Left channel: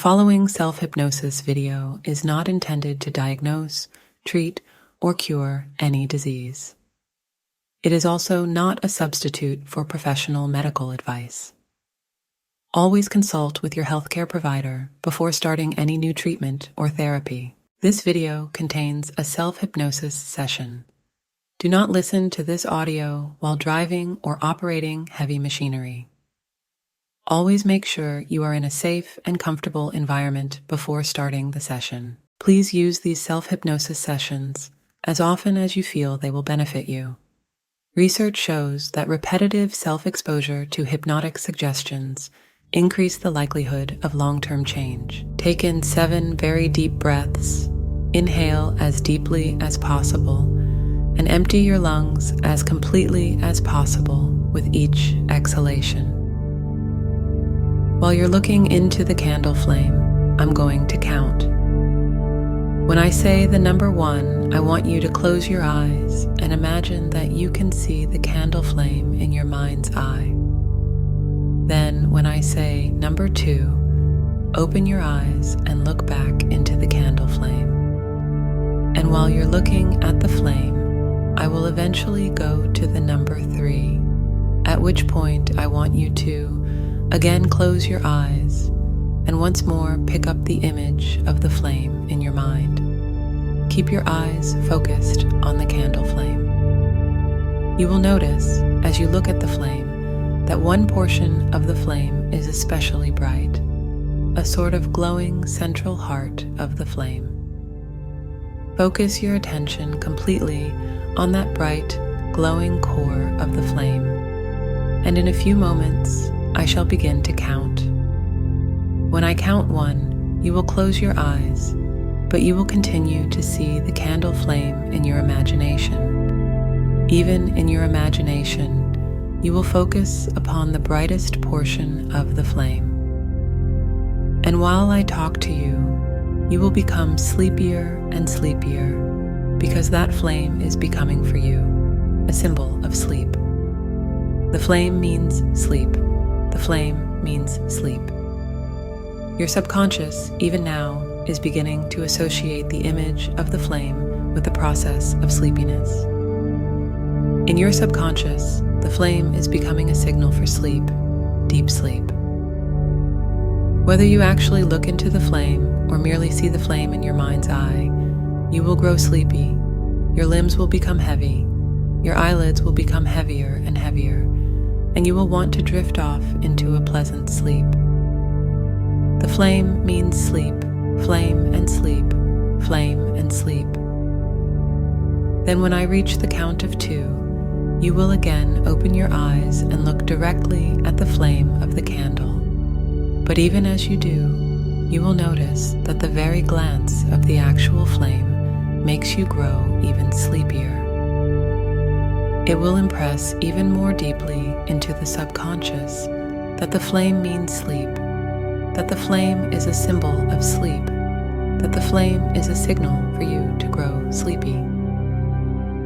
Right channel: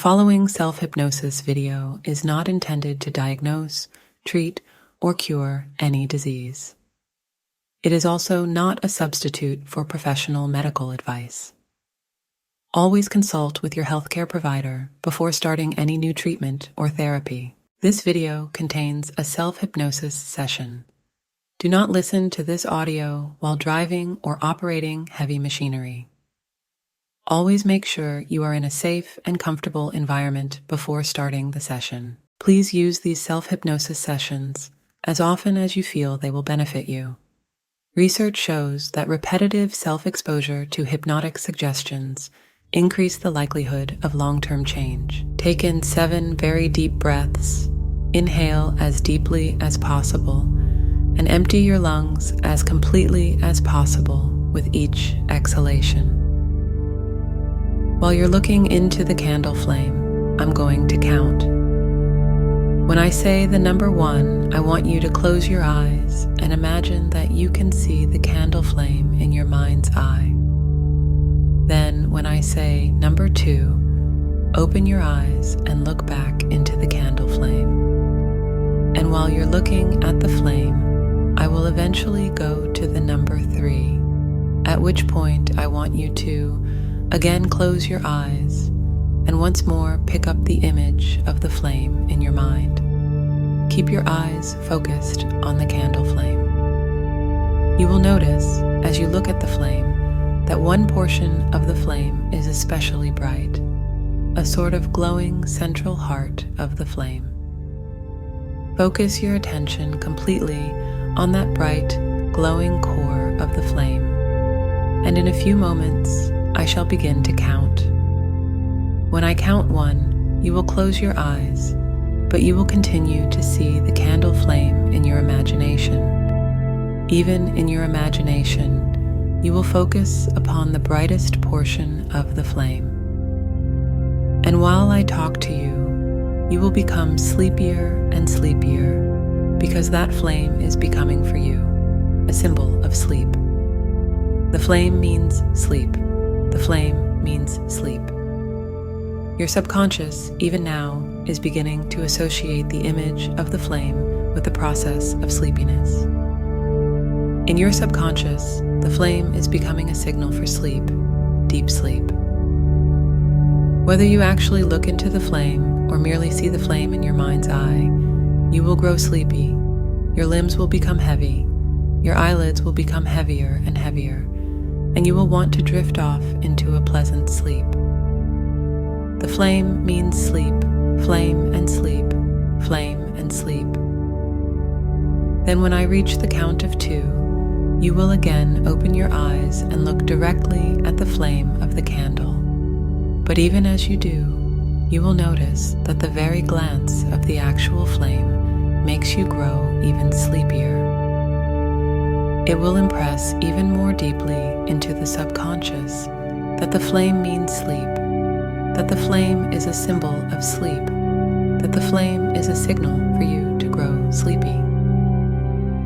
following self-hypnosis video is not intended to diagnose, treat, or cure any disease. It is also not a substitute for professional medical advice. Always consult with your healthcare provider before starting any new treatment or therapy. This video contains a self-hypnosis session. Do not listen to this audio while driving or operating heavy machinery. Always make sure you are in a safe and comfortable environment before starting the session. Please use these self-hypnosis sessions as often as you feel they will benefit you. Research shows that repetitive self-exposure to hypnotic suggestions increase the likelihood of long-term change. Take in 7 very deep breaths, inhale as deeply as possible, and empty your lungs as completely as possible with each exhalation. While you're looking into the candle flame, I'm going to count. When I say the number 1, I want you to close your eyes and imagine that you can see the candle flame in your mind's eye. Then, when I say number 2, open your eyes and look back into the candle flame. And while you're looking at the flame, I will eventually go to the number 3, at which point I want you to again close your eyes and once more pick up the image of the flame in your mind. Keep your eyes focused on the candle flame. You will notice, as you look at the flame, that one portion of the flame is especially bright, a sort of glowing central heart of the flame. Focus your attention completely on that bright, glowing core of the flame, and in a few moments, I shall begin to count. When I count 1, you will close your eyes, but you will continue to see the candle flame in your imagination. Even in your imagination, you will focus upon the brightest portion of the flame. And while I talk to you, you will become sleepier and sleepier, because that flame is becoming for you a symbol of sleep. The flame means sleep. The flame means sleep. Your subconscious, even now, is beginning to associate the image of the flame with the process of sleepiness. In your subconscious, the flame is becoming a signal for sleep, deep sleep. Whether you actually look into the flame or merely see the flame in your mind's eye, you will grow sleepy, your limbs will become heavy, your eyelids will become heavier and heavier, and you will want to drift off into a pleasant sleep. The flame means sleep, flame and sleep, flame and sleep. Then when I reach the count of 2, you will again open your eyes and look directly at the flame of the candle. But even as you do, you will notice that the very glance of the actual flame makes you grow even sleepier. It will impress even more deeply into the subconscious that the flame means sleep, that the flame is a symbol of sleep, that the flame is a signal for you to grow sleepy.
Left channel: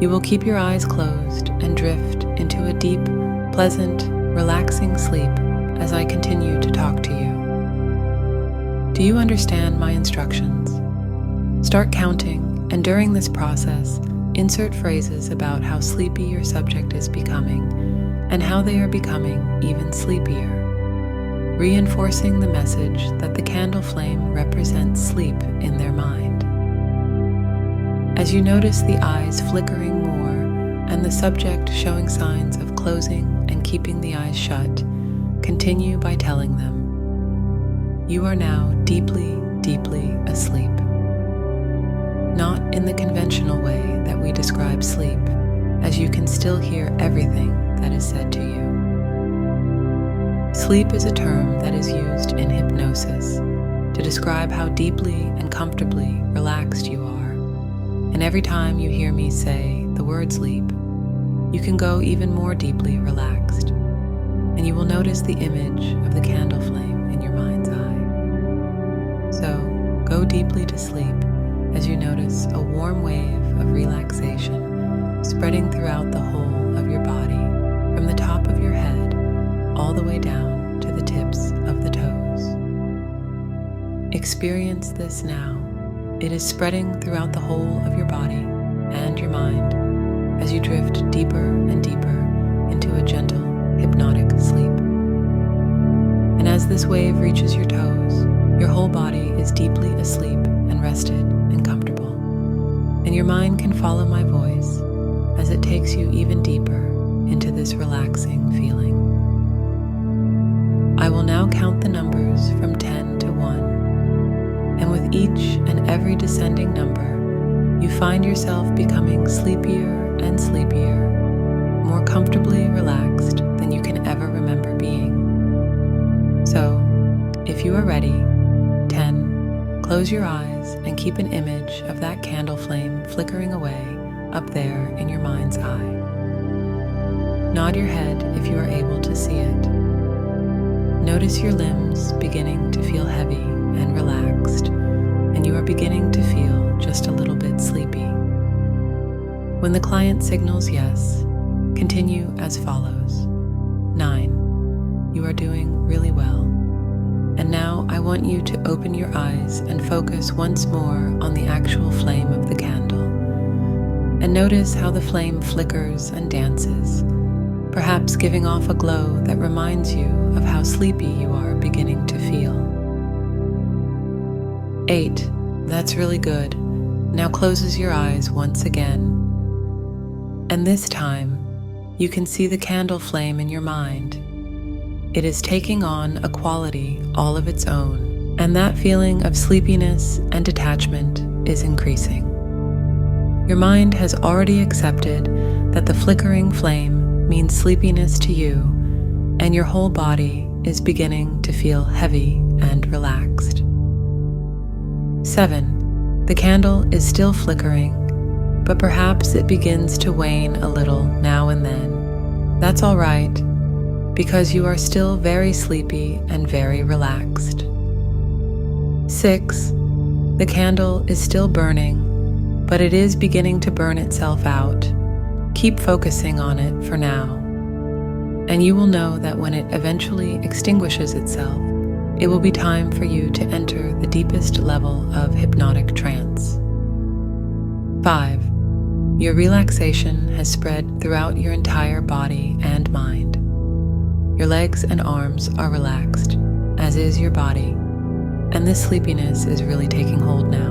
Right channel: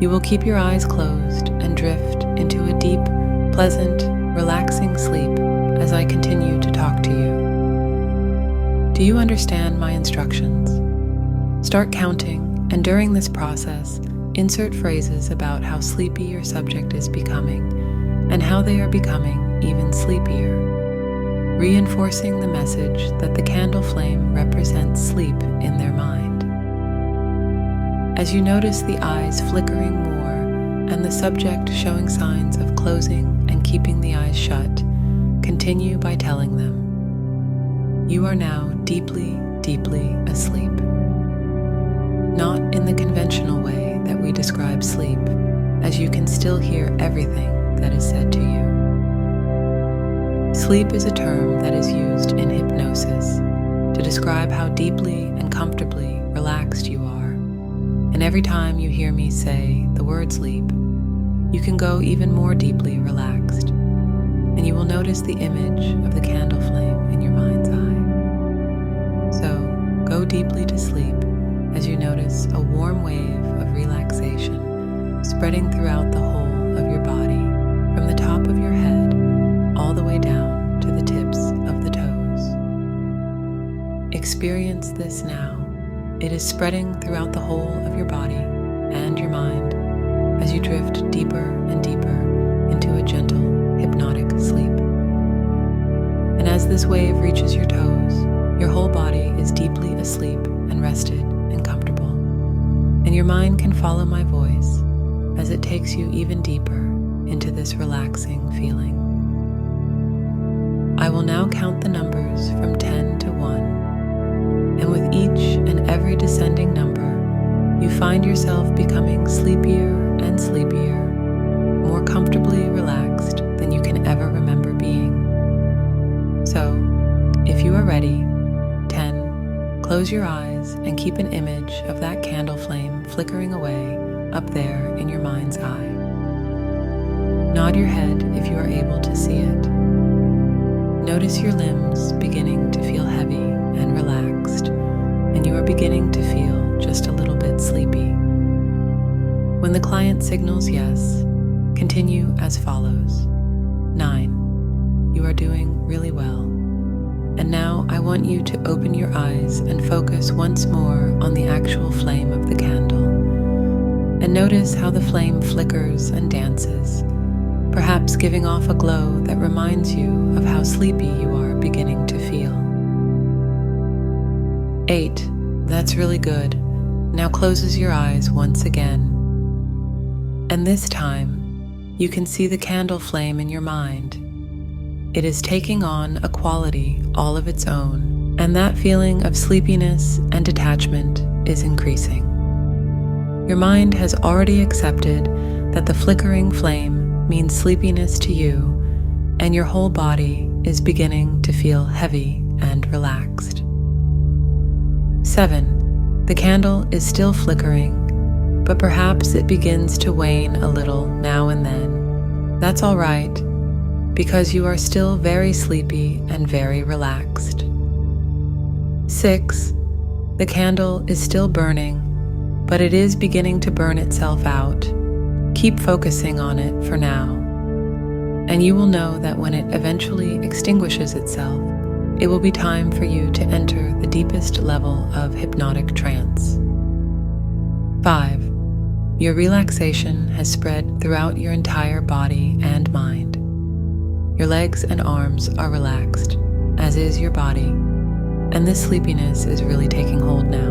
You will keep your eyes closed and drift into a deep, pleasant, relaxing sleep as I continue to talk to you. Do you understand my instructions? Start counting, and during this process, insert phrases about how sleepy your subject is becoming and how they are becoming even sleepier, reinforcing the message that the candle flame represents sleep in their mind. As you notice the eyes flickering more and the subject showing signs of closing and keeping the eyes shut, continue by telling them, "You are now deeply, deeply asleep." Not in the conventional way that we describe sleep, as you can still hear everything that is said to you. Sleep is a term that is used in hypnosis to describe how deeply and comfortably relaxed you are. And every time you hear me say the word sleep, you can go even more deeply relaxed, and you will notice the image of the candle flame in your mind's eye. So, go deeply to sleep as you notice a warm wave of relaxation spreading throughout the whole of your body, from the top of your head all the way down to the tips of the toes. Experience this now. It is spreading throughout the whole of your body and your mind as you drift deeper and deeper into a gentle, hypnotic sleep. And as this wave reaches your toes, your whole body is deeply asleep and rested and comfortable. And your mind can follow my voice as it takes you even deeper into this relaxing feeling. I will now count the numbers from 10 to 1. And with each and every descending number, you find yourself becoming sleepier and sleepier, more comfortably relaxed than you can ever remember being. So, if you are ready, 10, close your eyes and keep an image of that candle flame flickering away up there in your mind's eye. Nod your head if you are able to see it. Notice your limbs beginning to feel heavy and relaxed, and you are beginning to feel just a little bit sleepy. When the client signals yes, continue as follows. 9. You are doing really well. And now I want you to open your eyes and focus once more on the actual flame of the candle. And notice how the flame flickers and dances, perhaps giving off a glow that reminds you of how sleepy you are beginning to feel. 8. That's really good. Now closes your eyes once again. And this time, you can see the candle flame in your mind. It is taking on a quality all of its own, and that feeling of sleepiness and detachment is increasing. Your mind has already accepted that the flickering flame means sleepiness to you, and your whole body is beginning to feel heavy and relaxed. 7. The candle is still flickering, but perhaps it begins to wane a little now and then. That's all right, because you are still very sleepy and very relaxed. 6. The candle is still burning, but it is beginning to burn itself out. Keep focusing on it for now, and you will know that when it eventually extinguishes itself, it will be time for you to enter the deepest level of hypnotic trance. 5. Your relaxation has spread throughout your entire body and mind. Your legs and arms are relaxed, as is your body, and this sleepiness is really taking hold now.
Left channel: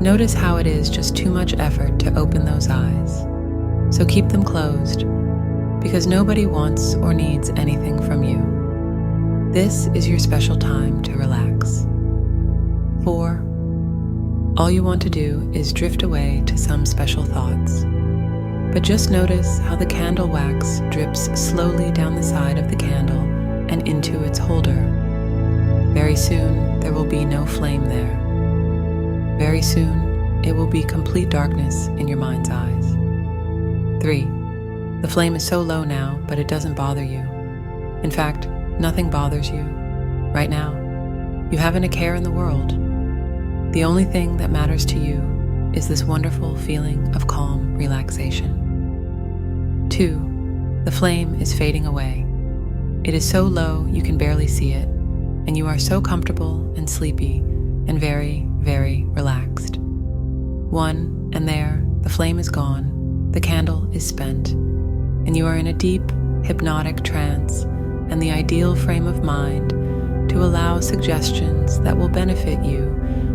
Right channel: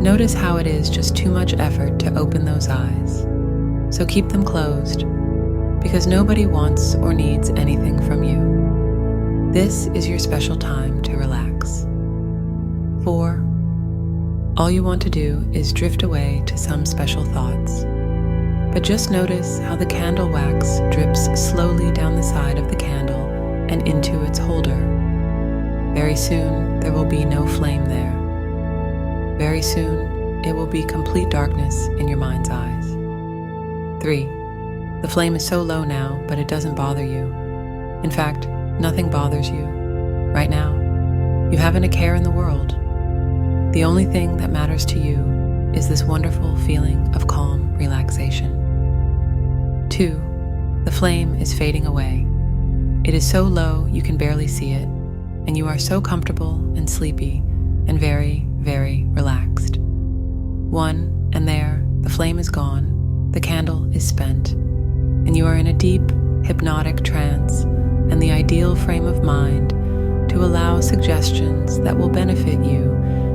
Notice how it is just too much effort to open those eyes, so keep them closed, because nobody wants or needs anything from you. This is your special time to relax. 4. All you want to do is drift away to some special thoughts. But just notice how the candle wax drips slowly down the side of the candle and into its holder. Very soon, there will be no flame there. Very soon, it will be complete darkness in your mind's eyes. 3. The flame is so low now, but it doesn't bother you. In fact, nothing bothers you. Right now, you haven't a care in the world. The only thing that matters to you is this wonderful feeling of calm relaxation. 2. The flame is fading away. It is so low you can barely see it, and you are so comfortable and sleepy and very, very relaxed. 1, and there, the flame is gone, the candle is spent, and you are in a deep, hypnotic trance and the ideal frame of mind to allow suggestions that will benefit you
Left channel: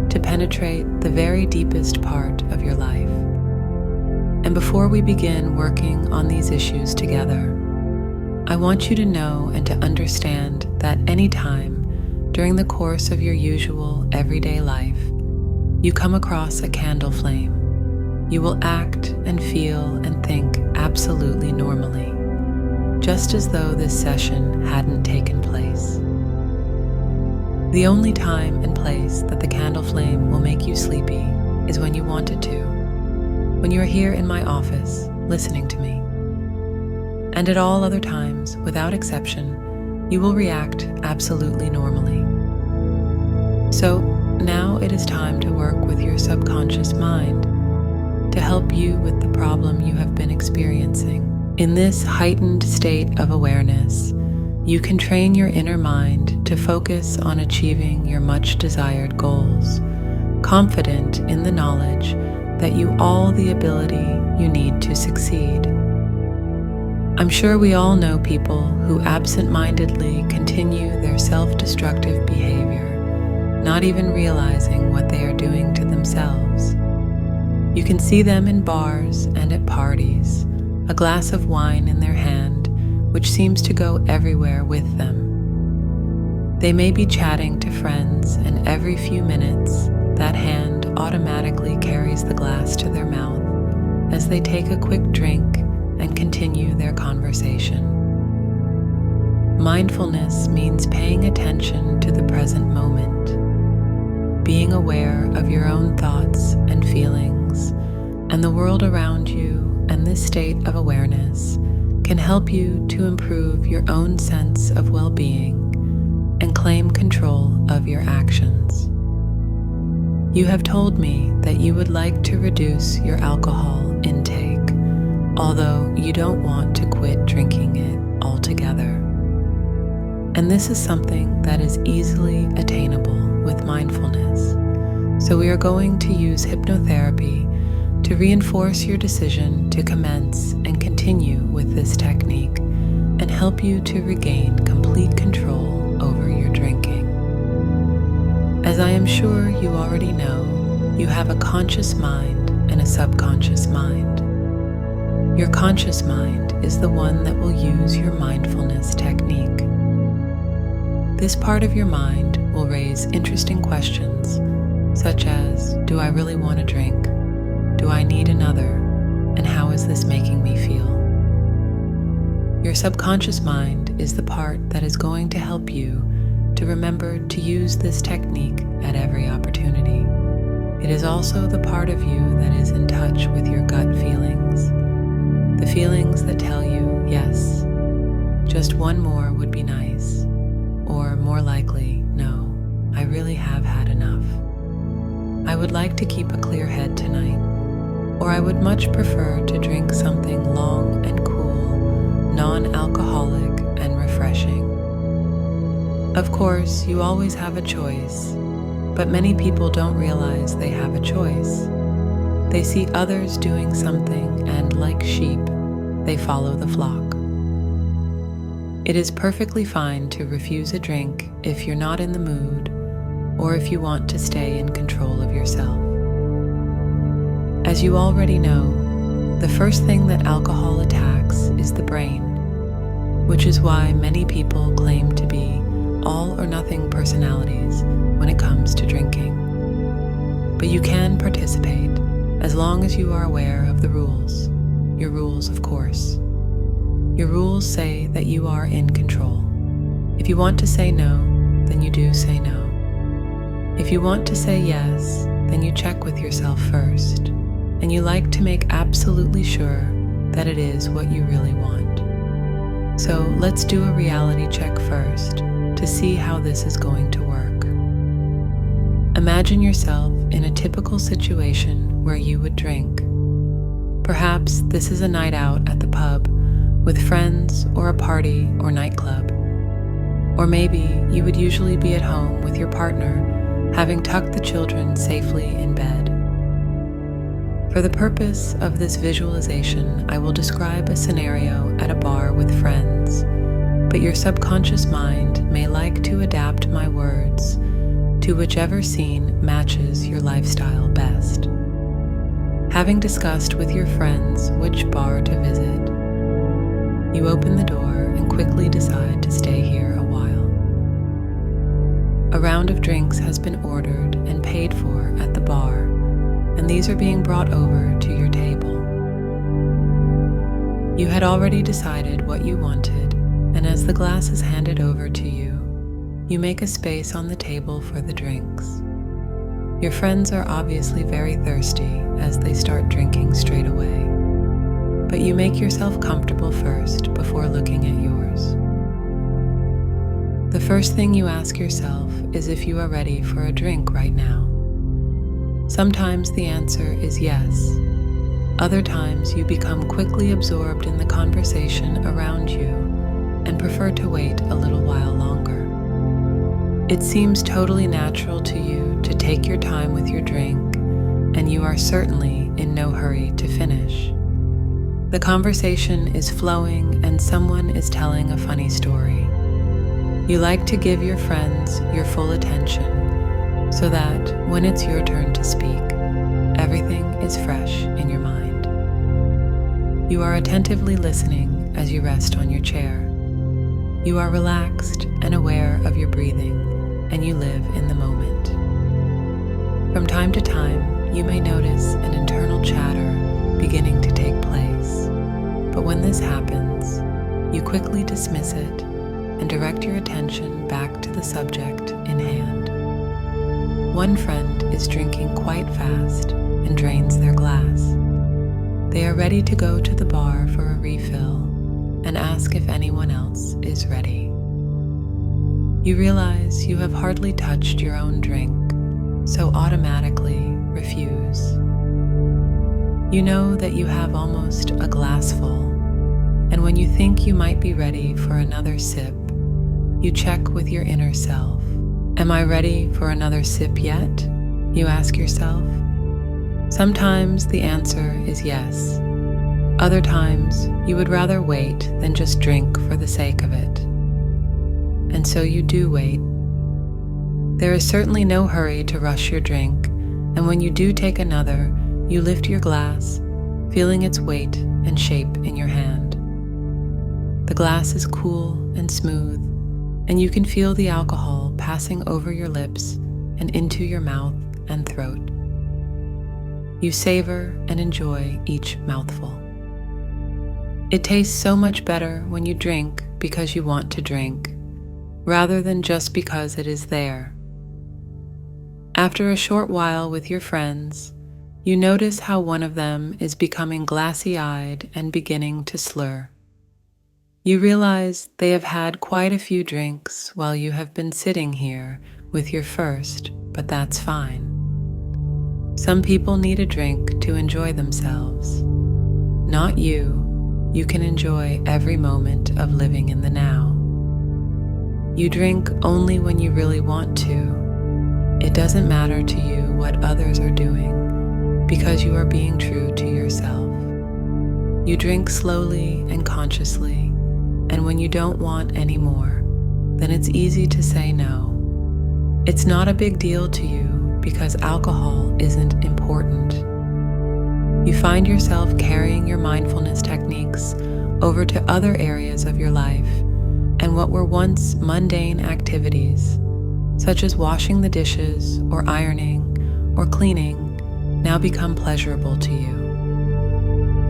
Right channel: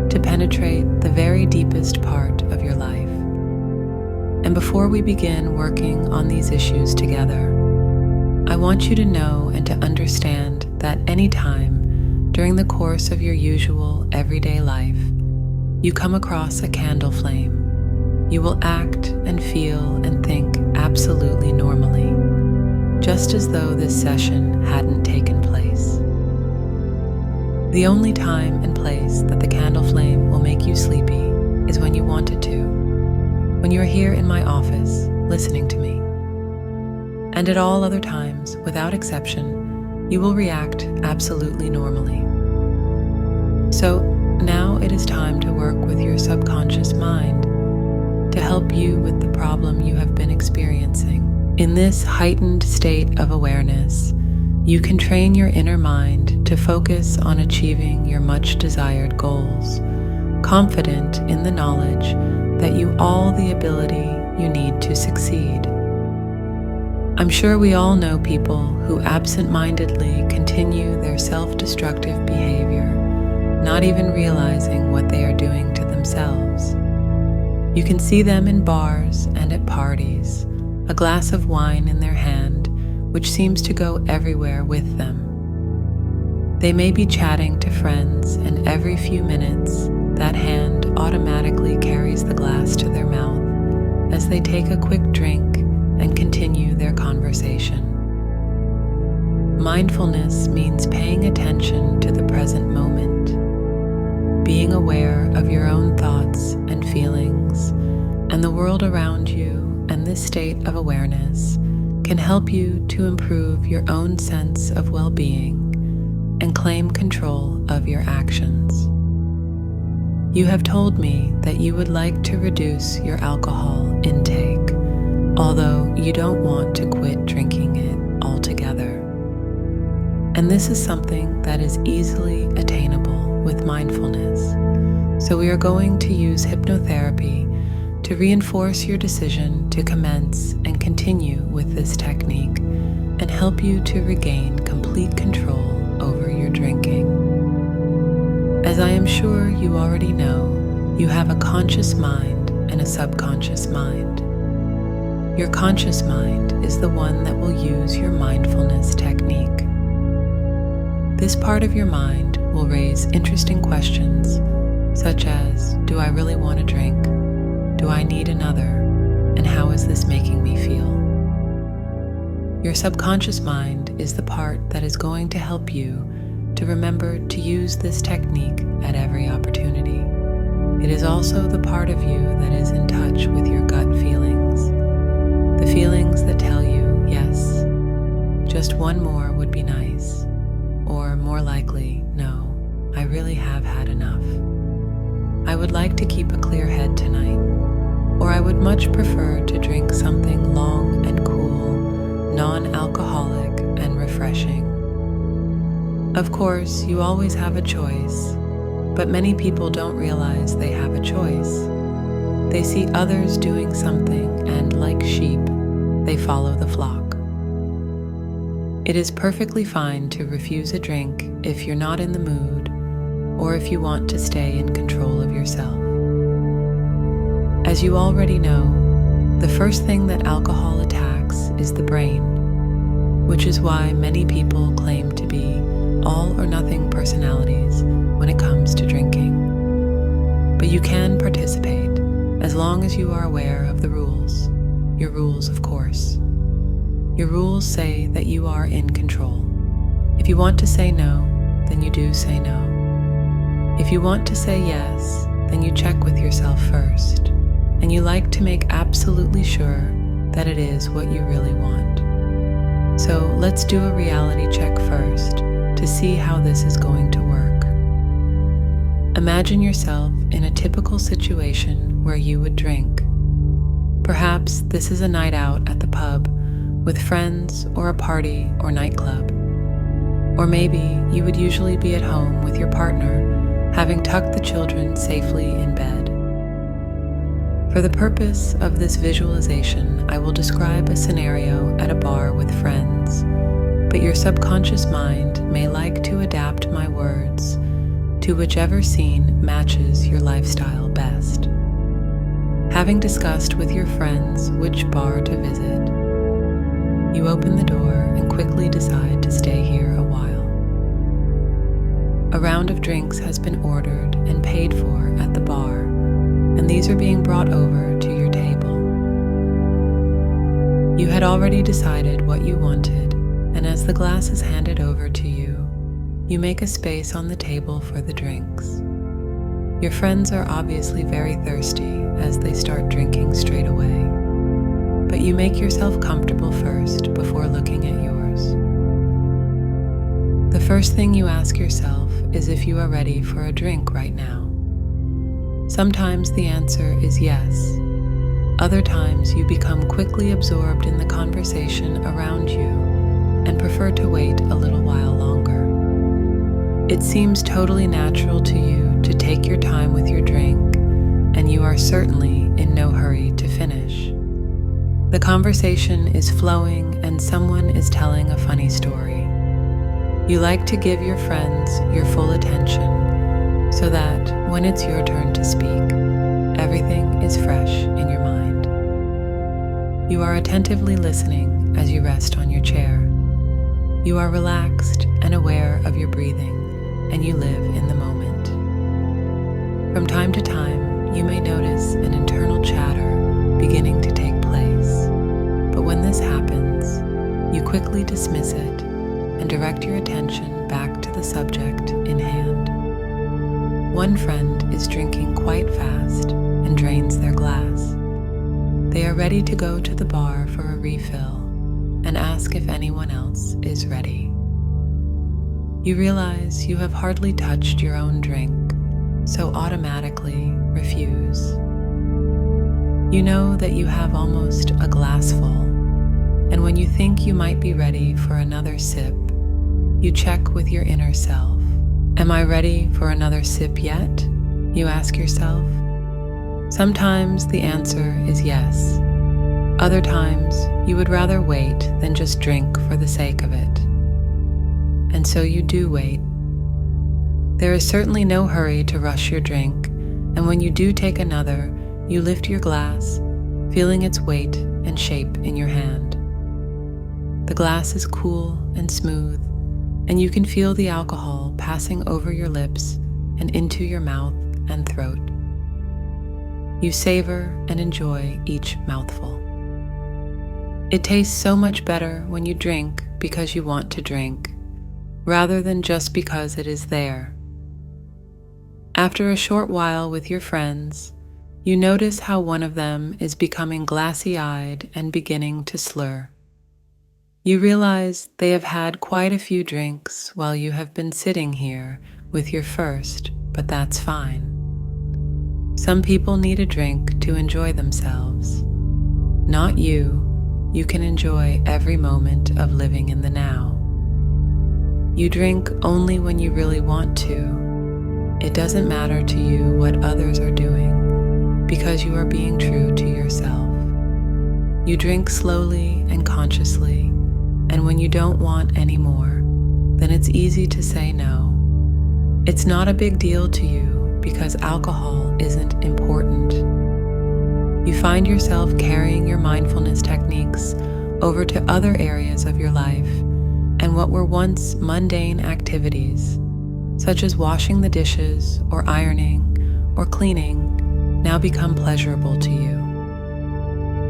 to penetrate the very deepest part of your life. And before we begin working on these issues together, I want you to know and to understand that any time during the course of your usual everyday life, you come across a candle flame, you will act and feel and think absolutely normally, just as though this session hadn't taken place. The only time and place that the candle flame will make you sleepy is when you want it to, when you are here in my office listening to me. And at all other times, without exception, you will react absolutely normally. So now it is time to work with your subconscious mind to help you with the problem you have been experiencing. In this heightened state of awareness, you can train your inner mind to focus on achieving your much desired goals, confident in the knowledge that you all the ability you need to succeed. I'm sure we all know people who absent-mindedly continue their self-destructive behavior, not even realizing what they are doing to themselves. You can see them in bars and at parties, a glass of wine in their hand, which seems to go everywhere with them. They may be chatting to friends, and every few minutes, that hand automatically carries the glass to their mouth as they take a quick drink and continue their conversation. Mindfulness means paying attention to the present moment, being aware of your own thoughts and feelings, and the world around you, and this state of awareness can help you to improve your own sense of well-being and claim control of your actions. You have told me that you would like to reduce your alcohol intake, although you don't want to quit drinking it altogether. And this is something that is easily attainable with mindfulness. So we are going to use hypnotherapy to reinforce your decision to commence and continue with this technique and help you to regain complete control over your drinking. As I am sure you already know, you have a conscious mind and a subconscious mind. Your conscious mind is the one that will use your mindfulness technique. This part of your mind will raise interesting questions, such as, do I really want to drink? Do I need another? And how is this making me feel? Your subconscious mind is the part that is going to help you to remember to use this technique at every opportunity. It is also the part of you that is in touch with your gut feelings, the feelings that tell you, yes, just one more would be nice, or more likely, no, I really have had enough. I would like to keep a clear head tonight, or I would much prefer to drink something long and cool, non-alcoholic and refreshing. Of course, you always have a choice, but many people don't realize they have a choice. They see others doing something and, like sheep, they follow the flock. It is perfectly fine to refuse a drink if you're not in the mood or if you want to stay in control of yourself. As you already know, the first thing that alcohol attacks is the brain, which is why many people claim to be all-or-nothing personalities when it comes to drinking. But you can participate as long as you are aware of the rules. Your rules, of course. Your rules say that you are in control. If you want to say no, then you do say no. If you want to say yes, then you check with yourself first, and you like to make absolutely sure that it is what you really want. So let's do a reality check first to see how this is going to work. Imagine yourself in a typical situation where you would drink. Perhaps this is a night out at the pub with friends, or a party or nightclub. Or maybe you would usually be at home with your partner, having tucked the children safely in bed. For the purpose of this visualization, I will describe a scenario at a bar with friends, but your subconscious mind may like to adapt my words to whichever scene matches your lifestyle best. Having discussed with your friends which bar to visit, you open the door and quickly decide to stay here a while. A round of drinks has been ordered and paid for at the bar, and these are being brought over to your table. You had already decided what you wanted, and as the glass is handed over to you, you make a space on the table for the drinks. Your friends are obviously very thirsty as they start drinking straight away, but you make yourself comfortable first before looking at yours. The first thing you ask yourself is if you are ready for a drink right now. Sometimes the answer is yes. Other times you become quickly absorbed in the conversation around you and prefer to wait a little while longer. It seems totally natural to you to take your time with your drink, and you are certainly in no hurry to finish. The conversation is flowing and someone is telling a funny story. You like to give your friends your full attention so that when it's your turn to speak, everything is fresh in your mind. You are attentively listening as you rest on your chair. You are relaxed and aware of your breathing, and you live in the moment. From time to time, you may notice an internal chatter beginning to take place, but when this happens, you quickly dismiss it and direct your attention back to the subject in hand. One friend is drinking quite fast and drains their glass. They are ready to go to the bar for a refill and ask if anyone else is ready. You realize you have hardly touched your own drink, so automatically refuse. You know that you have almost a glass full, and when you think you might be ready for another sip, you check with your inner self. Am I ready for another sip yet? You ask yourself. Sometimes the answer is yes. Other times you would rather wait than just drink for the sake of it. And so you do wait. There is certainly no hurry to rush your drink, and when you do take another, you lift your glass, feeling its weight and shape in your hand. The glass is cool and smooth, and you can feel the alcohol passing over your lips and into your mouth and throat. You savor and enjoy each mouthful. It tastes so much better when you drink because you want to drink, rather than just because it is there. After a short while with your friends, you notice how one of them is becoming glassy-eyed and beginning to slur. You realize they have had quite a few drinks while you have been sitting here with your first, but that's fine. Some people need a drink to enjoy themselves. Not you. You can enjoy every moment of living in the now. You drink only when you really want to. It doesn't matter to you what others are doing because you are being true to yourself. You drink slowly and consciously, and when you don't want any more, then it's easy to say no. It's not a big deal to you because alcohol isn't important. You find yourself carrying your mindfulness techniques over to other areas of your life, and what were once mundane activities, such as washing the dishes or ironing or cleaning, now become pleasurable to you.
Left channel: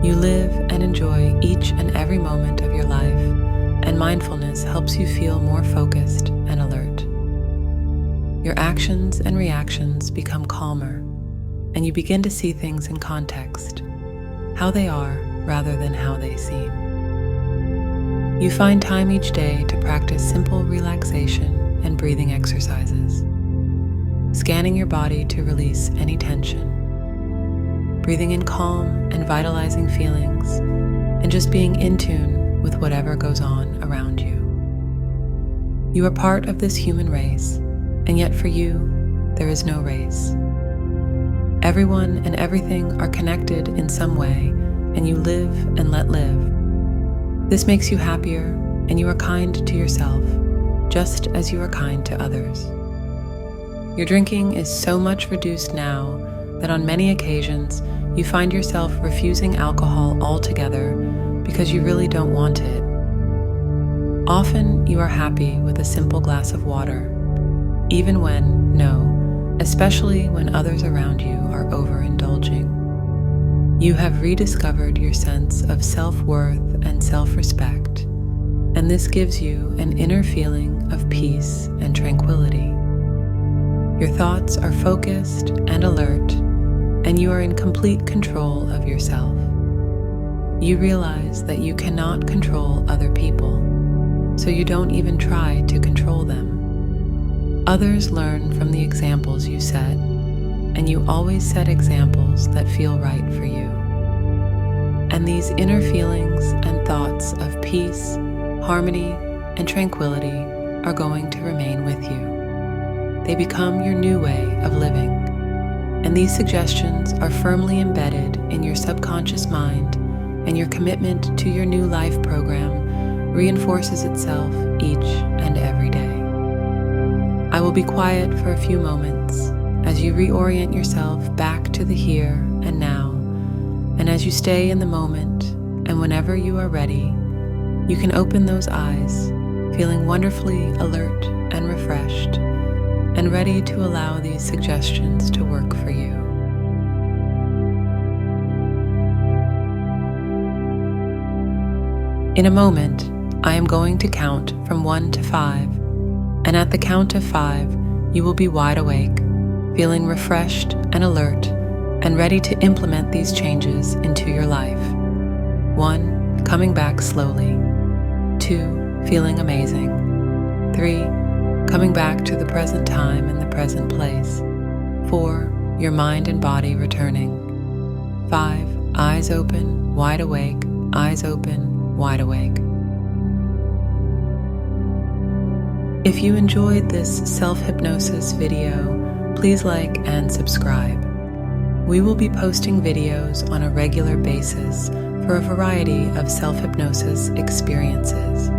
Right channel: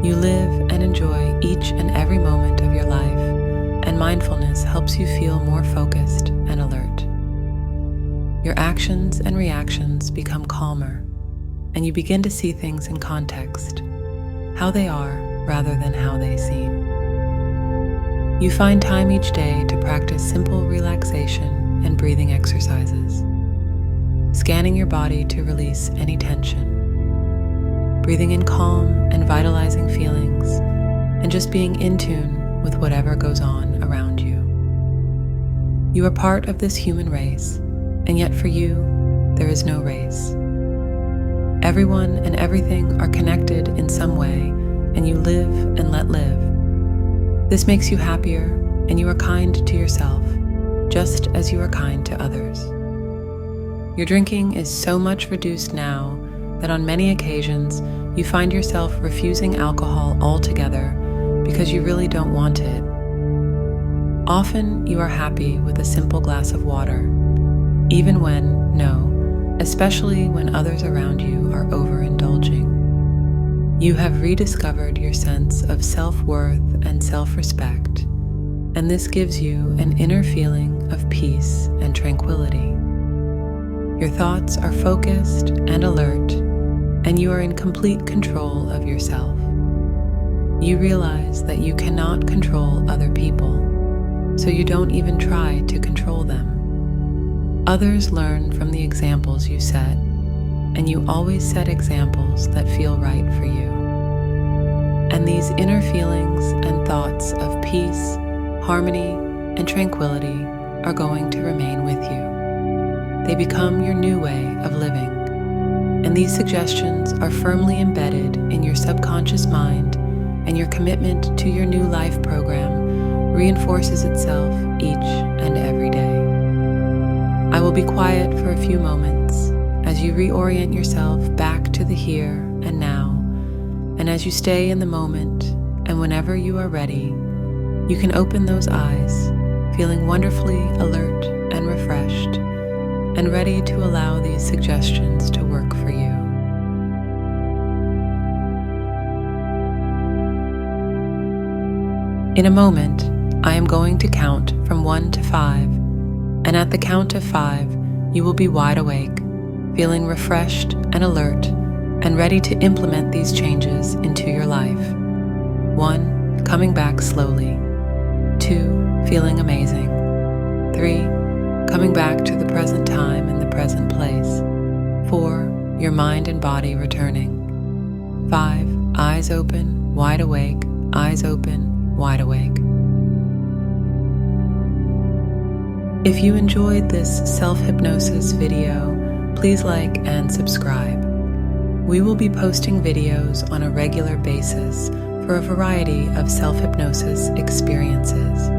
You live and enjoy each and every moment of your life, and mindfulness helps you feel more focused and alert. Your actions and reactions become calmer, and you begin to see things in context, how they are rather than how they seem. You find time each day to practice simple relaxation and breathing exercises, scanning your body to release any tension, breathing in calm and vitalizing feelings, and just being in tune with whatever goes on around you. You are part of this human race, and yet for you, there is no race. Everyone and everything are connected in some way, and you live and let live. This makes you happier, and you are kind to yourself, just as you are kind to others. Your drinking is so much reduced now that on many occasions you find yourself refusing alcohol altogether because you really don't want it. Often you are happy with a simple glass of water, even when, especially when others around you are overindulging. You have rediscovered your sense of self-worth and self-respect, and this gives you an inner feeling of peace and tranquility. Your thoughts are focused and alert, and you are in complete control of yourself. You realize that you cannot control other people, so you don't even try to control them. Others learn from the examples you set, and you always set examples that feel right for you. And these inner feelings and thoughts of peace, harmony, and tranquility are going to remain with you. They become your new way of living, and these suggestions are firmly embedded in your subconscious mind, and your commitment to your new life program reinforces itself each and every day. I will be quiet for a few moments as you reorient yourself back to the here and now, and as you stay in the moment, and whenever you are ready, you can open those eyes, feeling wonderfully alert and refreshed, and ready to allow these suggestions to work for you. In a moment, I am going to count from 1 to 5, and at the count of 5, you will be wide awake, feeling refreshed and alert, and ready to implement these changes into your life. 1, coming back slowly. 2, feeling amazing. 3, coming back to the present time and the present place. 4, your mind and body returning. 5, eyes open, wide awake, eyes open, wide awake. If you enjoyed this self-hypnosis video, please like and subscribe. We will be posting videos on a regular basis for a variety of self-hypnosis experiences.